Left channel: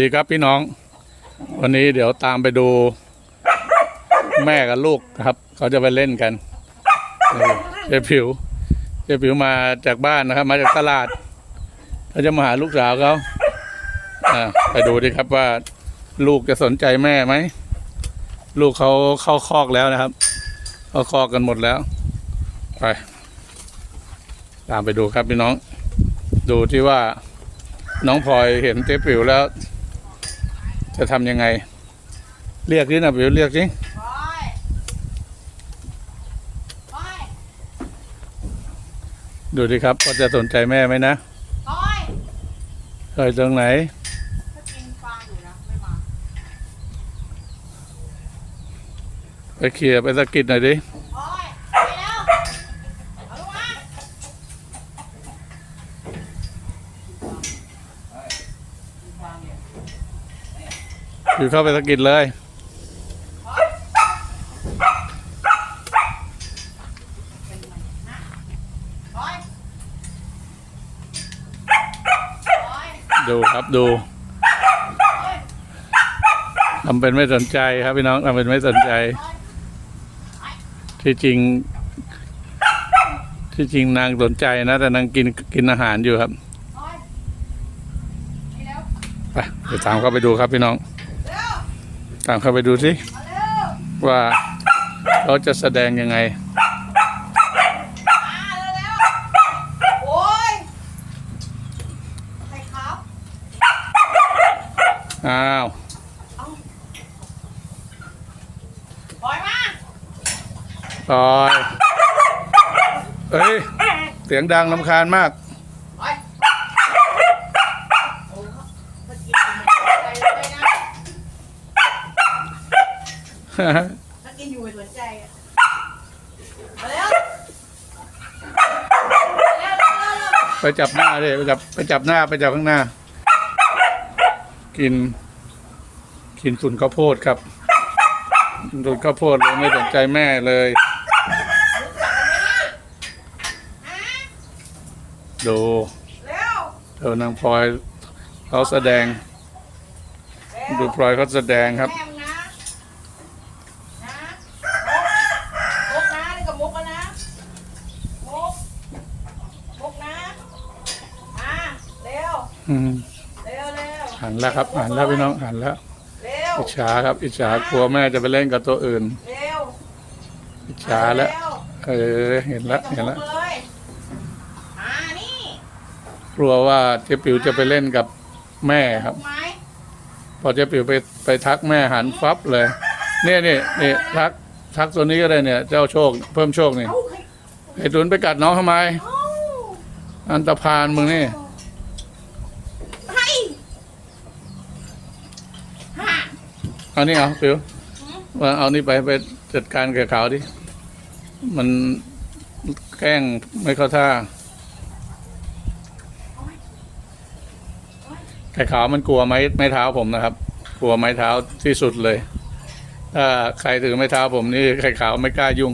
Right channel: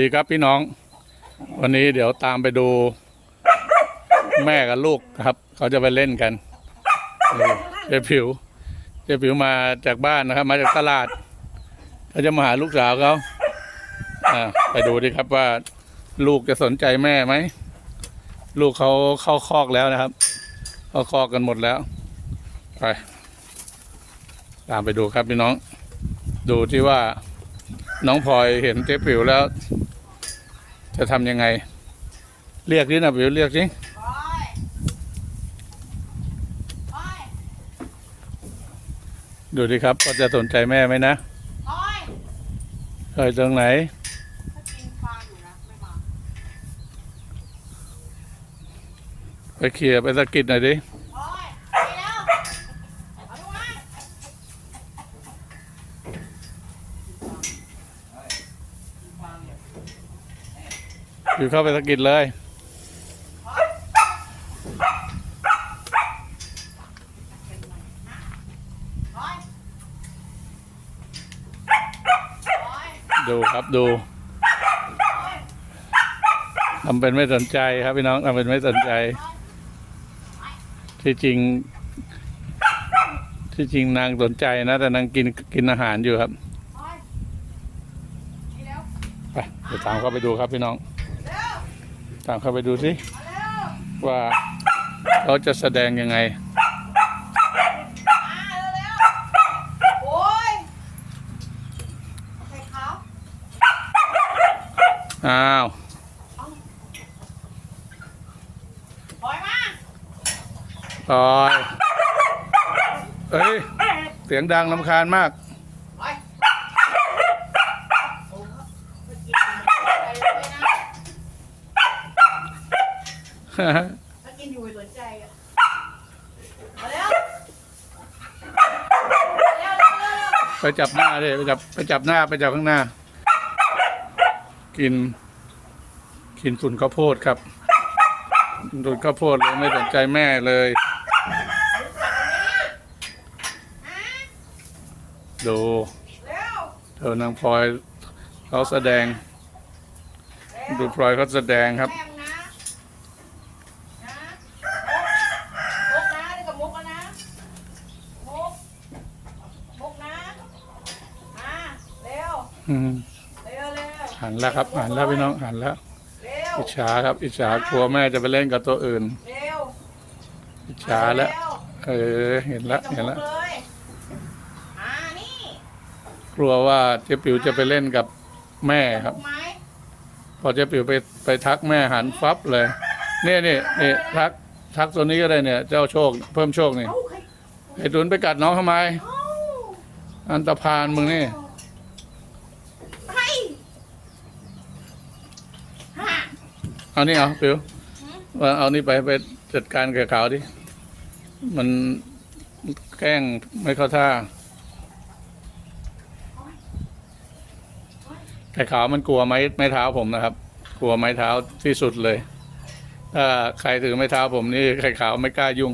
ดีครับพี่น้อง วันนี้เดี๋ยวตามไปดู แม่กับลูกครับ เขาจะไปเล่นกันเจ๊ผิวเจ๊ผิวมาจากบ้านนะครับ มาจากตลาดเขาจะมาหาลูกสาวเขาไปดูดิครับว่า ลูกจะสนใจแม่ไหมลูกเขาเข้าคอกแล้วนะครับเข้าคอกกันหมดแล้วไปตามไปดูครับพี่น้อง ดูที่ว่าน้องพลอยเห็นเจ๊ปิ๋วแล้ว จะทำยังไงเรียกนี่นะปิ๋วเรียกสิดูดิครับว่าจะสนใจแม่ไหมนะโอ้ยเอยตรงไหนไม่มาไปเคลียร์ไปสะกิดหน่อยดิ โอ้ยไปเร็วเอาลงมา ปิ๋วเข้าไปสกิดเลย ดูครับดูทำเป็นไม่สนใจครับพี่น้องทำเป็นไม่สนใจ ที่จริง ที่จริงนางสนใจนะ แต่นางกินกินอาหารอยู่ครับไปเร็วไปเดี๋ยวตามเข้าไปดูครับพี่น้อง ตามเข้าไปดูสิมาเร็วว่าเขาจะแสดงยังไงมาเร็วๆโอ้ยใส่ขาวอ้าวปล่อยมาปล่อยเฮ้ย เสียงดังลำคาญมาก ปล่อยโอ้เมื่อกี้อะไรเลยนะ เมื่อกี้อยู่ไม่สนใจอะมาเร็วเร็วเร็วเร็วไปจับหน้าดิไปจับไปจับหน้าไปจับข้างหน้า กิน กินฝุ่นข้าวโพดครับฝุ่นข้าวโพดเลยไม่สนใจแม่เลย ดูเร็วเธอนางพลอยเขาแสดง ดูพลอยเขาแสดงครับ แม่มึงนะนะมุกนะนี่ก็มุกแล้วนะมุกมุกนะมาเร็ว อืมเร็วเร็วหันแล้วครับหันแล้วพี่น้องหันแล้วเร็วอิจฉาครับ อิจฉากลัวแม่จะไปเล่นกับตัวอื่นเร็วอิจฉาแล้วเออเห็นแล้วเห็นแล้วมุกเลยมานี่กลัวว่าเจ๊ปิ๋วจะไปเล่นกับแม่ครับไม้พอเจ๊ปิ๋วไปไปทักแม่หันฟับเลยเนี่ยนี่นี่ทักทักตัวนี้ก็ได้เนี่ย เจ้าโชค เพิ่มโชคนี่เอ้าใครไอ้ตุนไปกัดน้องทำไมเอ้าอันตรพานมึงนี่ ไปฮะ เอานี่เอาปิ๋วว่าเอานี่ไปไปจัดการกับเขาดิ มันแกล้งไม่เข้าท่าไข่ขาวมันกลัวไม้ไม้เท้าผมนะครับ กลัวไม้เท้าที่สุดเลย ถ้าใครถือไม้เท้าผมนี่ไข่ขาวไม่กล้ายุ่ง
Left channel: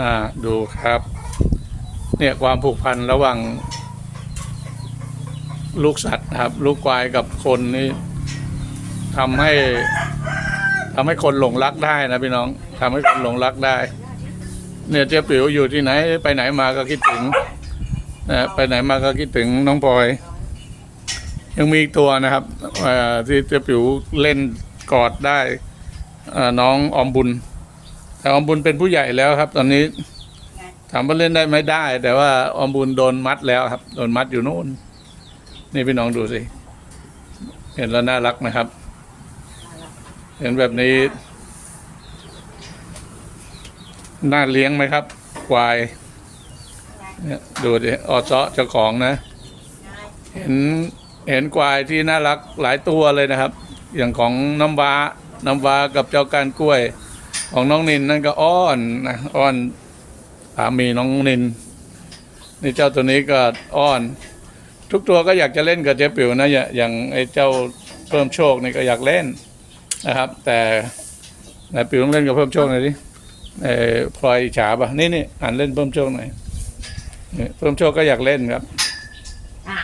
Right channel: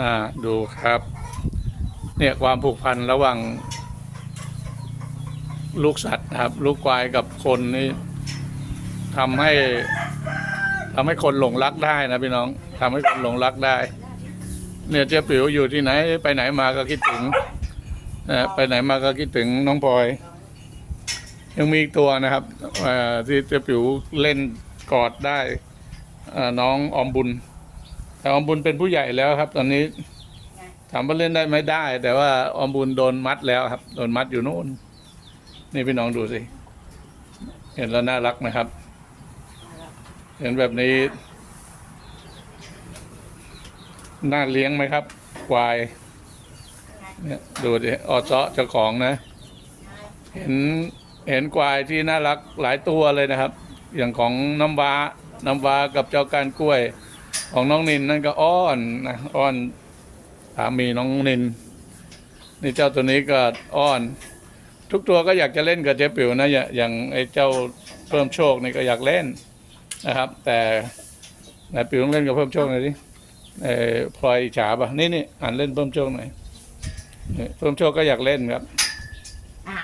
อ่าดูครับ เนี่ยความผูกพันระหว่างลูกสัตว์ครับ ลูกควายกับคนนี่ ทำให้ทำให้คนหลงรักได้นะพี่น้องทำให้คนหลงรักได้ เนี่ยเจ๊ปิ๋วอยู่ที่ไหน ไปไหนมาก็คิดถึงนะไปไหนมาก็คิดถึงน้องพลอย ยังมีอีกตัวนะครับที่เจ๊ปิ๋วเล่นกอดได้น้องอมบุญ แต่ออมบุญเป็นผู้ใหญ่แล้วครับ ตอนนี้ถามว่าเล่นได้ไหมได้ แต่ว่าอมบุญโดนมัดแล้วครับ โดนมัดอยู่โน่น นี่พี่น้องดูสิ เห็นแล้วน่ารักนะครับ เห็นแบบนี้ น่าเลี้ยงไหมครับ ควาย ดูดิออเซาะเจ้าของนะ เห็นเห็นควายที่น่ารักหลายตัวเลยนะครับ อย่างของน้ำว้าน้ำว้ากับเจ้าการกล้วย ของน้องนินนั่นก็อ้อนนะอ้อนสามีน้องนิน นี่เจ้าตัวนี้ก็อ้อน ทุกตัวก็อยากจะเล่นกับเจ๊ปิ๋วนะอย่าอย่างไอ้เจ้าเพิ่มโชคนี่ก็อยากเล่น นะครับ แต่นายปิ๋วต้องเล่นกับเพิ่มโชคหน่อยดิเออพลอยอิจฉาปะนี่นี่อ่านเล่นเพิ่มโชคหน่อยนี่เพิ่มโชคก็อยากเล่นครับอะ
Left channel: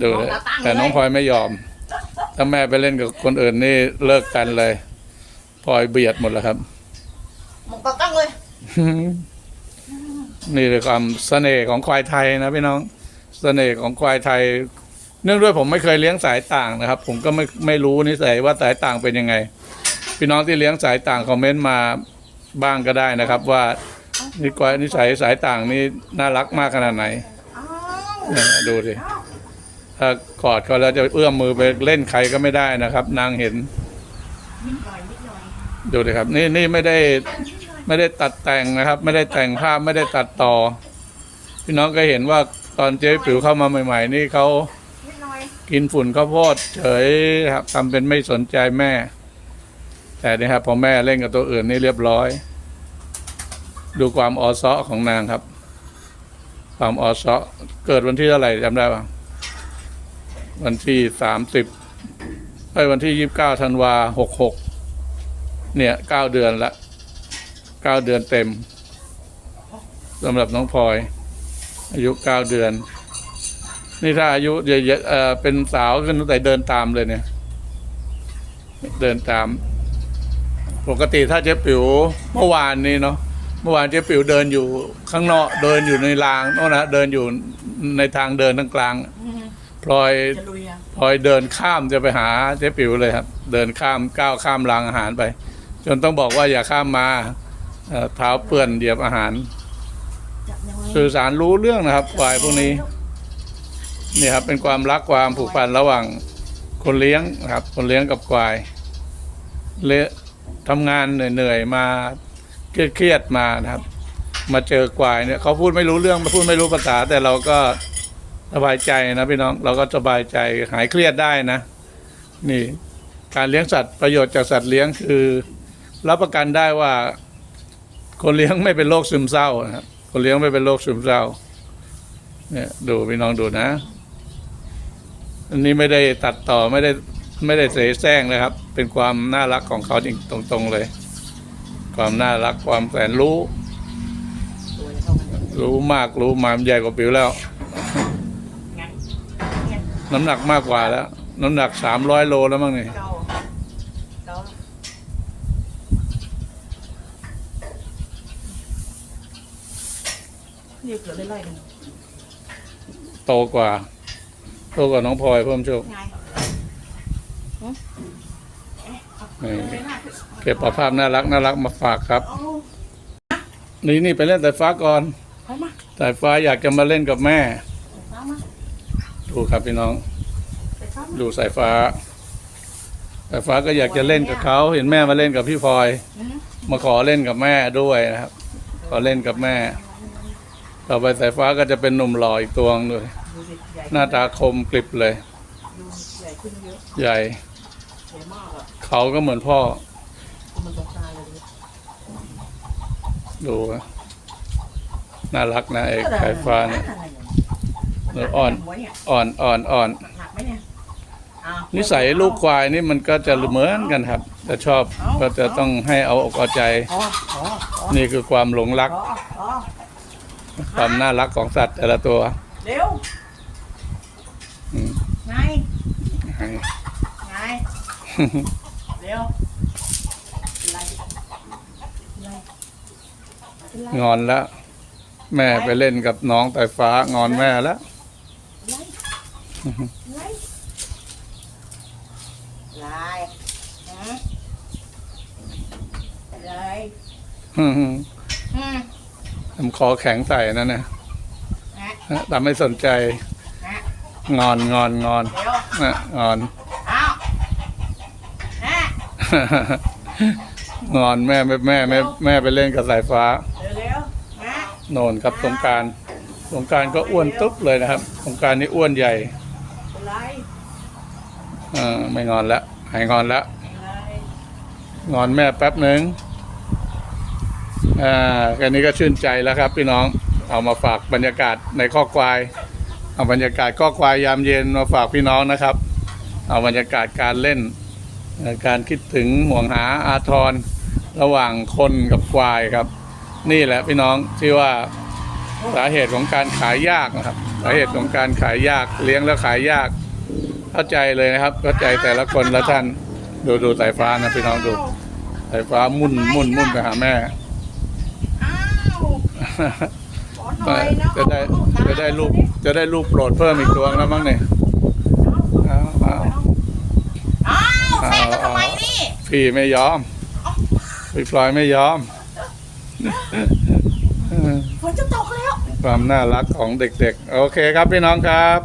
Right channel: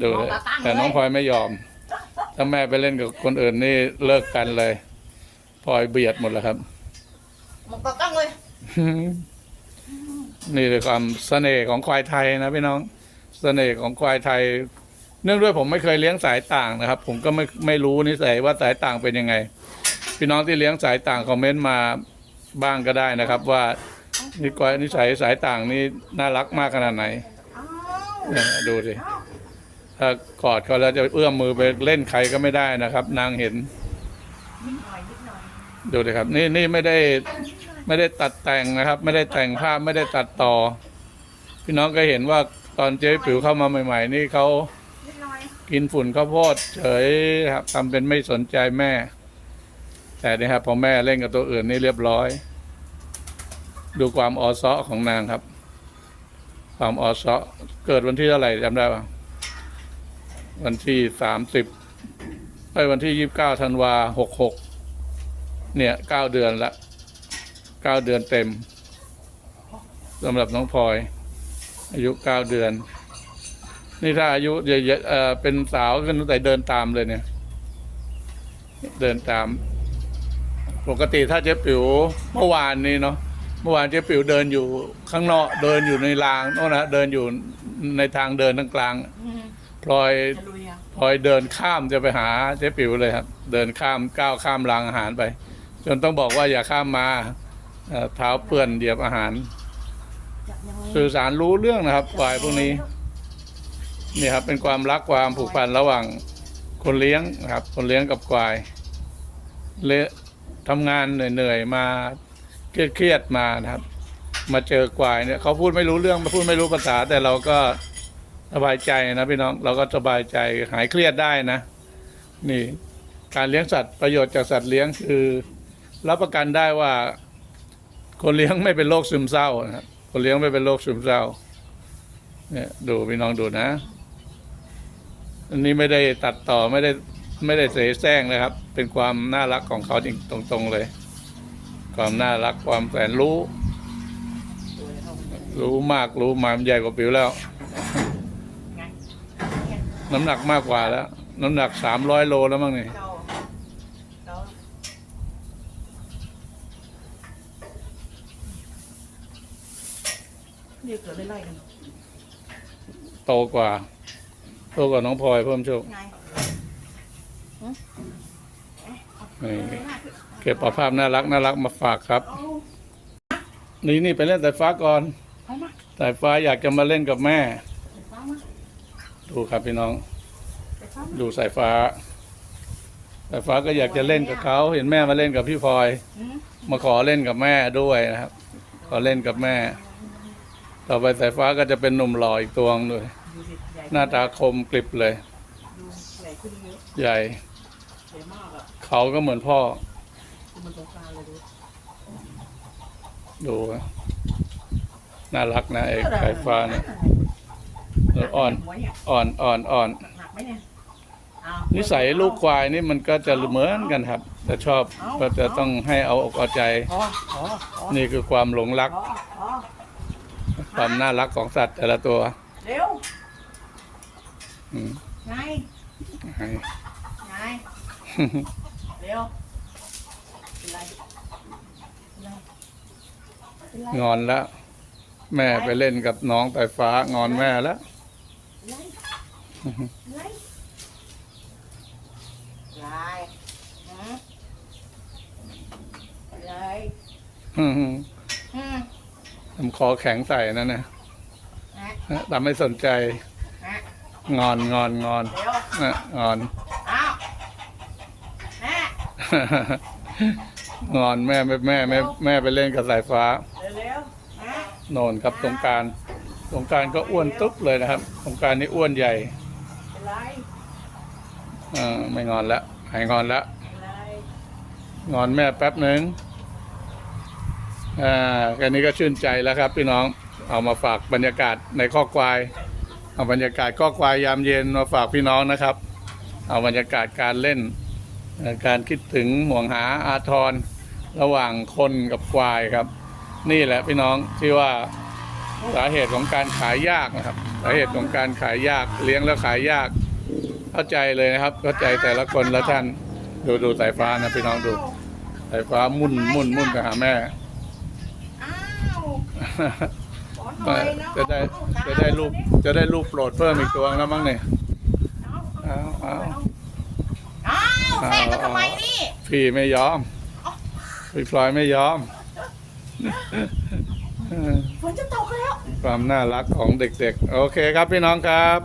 ดูเลย แต่น้องพลอยไม่ยอม ถ้าแม่ไปเล่นกับคนอื่นนี่เลิกกันเลยพลอยเบียดหมดแล้วครับ หมกกระตั้งเลย นี่คือความเสน่ห์ของควายไทยนะพี่น้อง เสน่ห์ของควายไทย เนื่องด้วยผมไม่เคยเลี้ยงสายต่างนะครับ ผมก็ไม่ไม่รู้นิสัยว่าสายต่างเป็นยังไง พี่น้องที่เลี้ยงสายต่างคอมเมนต์มาบ้างก็ได้นะครับ ว่านี่ควานิสัยสายต่างนี่น่ารักมากขนาดไหนเนี่ยดูสิถ้ากอดเขาแล้วจะเอื้อมมือไปเล่นใครก็ไม่ได้นะครับ นางเห็น ดูดิครับ นี่นี่ไม่ได้ไม่ได้ตัดแต่งนะครับ ไม่ได้แต่งภาพไม่ได้ตัดต่อ พี่น้องก็เห็นว่าตอนเจ๊ปิ๋วเข้ามาใหม่ ๆ นี่เขา กินฝุ่นข้าวโพดเฉยครับทำเป็นไม่สนใจแม่ แต่นี่ครับพอแม่เล่นกับตัวอื่นนี่เรียบร้อย ดูความออซอของนางครับ ความออซอเกิดวันที่เท่าไหร่จำได้ปะวันที่สามสิบไอ้ยวันที่ยี่สิบเก้าธันวาหกหกเนี่ยเก้าเดือนละเก้าเดือนเต็มสำหรับน้องพลอย อายุเก้าเดือน นี่ถ้าอายุเยอะๆเออเป็นสาวขึ้นตั้งแต่เดินตามเลยเนี่ย เดินตาม ปกติถ้าเจ๊ปิ๋วเมื่อวานนี้เนาะเมื่อวานเจ๊ปิ๋วเดินอยู่ข้างนอกเดินอยู่ในรางโน่นนะเดินอยู่ในทางเดินทั้งกลางพลอยจะลุยอะพลอยเดินข้ามจะไปหาเจ๊ปิ๋วเลยครับ เดินข้ามก้าวข้ามรางอาหารไป จนต้องบอกว่าอย่าข้ามมาเอ่อเท้าเปื้อนเหยียบอาหาร สื่อสารรู้เรื่องนะครับฝ่ายพวกนี้ นี่ครับเป็นความรักความผูกพันระหว่างคนเลี้ยงนะครับ คนเลี้ยงกับควายเละทำงานเหนื่อยๆมาเครียดๆมานะครับ มาเจอควายเนี่ยเขาพูดไม่รู้เรื่องพูดไม่รู้ภาษา แต่เราก็สบายใจนะพี่น้องเราก็สบายใจหายเครียดได้นะ นี่ การเลี้ยงสัตว์ประโยชน์จากสัตว์เลี้ยงคือ รับประกันได้ว่า คนเลี้ยงไม่เป็นโรคซึมเศร้านะครับคนเลี้ยงไม่เป็นโรคซึมเศร้า เนี่ยดูพี่น้องดูนะ อันนี้ไม่ได้ตัดต่อไม่ได้ไม่ได้เสแสร้งนะครับ เป็นความน่ารักของเขาจริงตรง ๆเลย ความน่ารักความแสนรู้ตัวเท่ากันเลยรู้มากรู้มามใหญ่กว่าปิวแล้วงั้นงั้นน้ำหนักมากกว่าแล้ว น้ำหนักสามร้อยโลแล้วมั้งนี่เกาเกาเนี่ยเกิดอะไรกันโตกว่า โตกว่าน้องพลอยเพิ่มโชคไงหืมเอ๊ะเอาอืมเอาไว้หน้าเก็บภาพน่ารักน่ารักมาฝากครับเอานี่นี่ไปเล่นสายฟ้าก่อนไปมาสายฟ้าอยากจะมาเล่นกับแม่ไปฟ้ามาดูครับพี่น้องไปฟ้ามาดูสายฟ้าสายฟ้าก็อยากจะเล่นกับเขาเห็นแม่มาเล่นกับพี่พลอยหืมมาขอเล่นกับแม่ด้วยนะครับ ขอเล่นกับแม่ ต่อไปสายฟ้าก็จะเป็นหนุ่มหล่ออีกตัวหนึงเลยดูสิใหญ่หน้าตาคมกริบเลยดูใหญ่ขึ้นเยอะใหญ่ ใหญ่มากอะเขาก็เหมือนพ่อมันสงสารเลยดูดูนะน่ารักนะไอ้สายฟ้าเนี่ยแล้วอ่อน หัวเนี่ยอ่อนอ่อนอ่อน หนักไหมเนี่ยอ้าวนิสัยลูกควายนี่มันก็จะเหมือนกันครับแต่ชอบก็จะต้องให้เอาอกเอาใจ อ๋ออ๋ออ๋อนี่คือความหลงรัก อ๋ออ๋อความน่ารักของสัตว์แต่ละตัว เร็ว อืมไงไงเร็วอะไรอะไรอะไรงอนแล้ว แม่ไปเล่นกับน้องสายฟ้างอนแม่แล้วอะไรอะไรหืมอะไรอืมอืมทำคอแข็งใส่นั่นนะฮะแต่ไม่สนใจฮะ งอนงอนงอนเร็วนะงอนอ้าวฮะงอนแม่แม่แม่แม่แม่ไปเล่นกับสายฟ้า เร็วๆฮะโนนครับสงกรารสงกรารก็อ้วนตุ๊บเลยนะครับสงกรารนี่อ้วนใหญ่อะไรเออไม่งอนแล้วหายงอนแล้วอะไรงอนแม่แป๊บหนึ่งอ่าแค่นี้ก็ชื่นใจแล้วครับพี่น้องเอามาฝากบรรยากาศในข้อควาย เอาบรรยากาศข้อควายยามเย็นมาฝากพี่น้องนะครับ เอาบรรยากาศการเล่นเอ่อการคิดถึงห่วงหาอาทรระหว่างคนกับควายครับ นี่แหละพี่น้องที่ว่าสาเหตุของการขายยากนะครับสาเหตุของการขายยากเลี้ยงแล้วขายยาก เข้าใจเลยนะครับ เข้าใจแต่ละคนละท่านดูดูสายฟ้านะพี่น้องดูสายฟ้ามุ่นมุ่นมุ่นไปหาแม่อ้าวขอหน่อยเนาะจะได้จะได้ลูก จะได้ลูกโปรดเพิ่มอีกตัวแล้วมั้งเนี่ยเอาเอาอ้าวแทรกมาทำไมนี่พี่ไม่ยอมพี่พลอยไม่ยอม ฝนจะตกแล้ว ความน่ารักของเด็กๆ โอเคครับพี่น้องครับ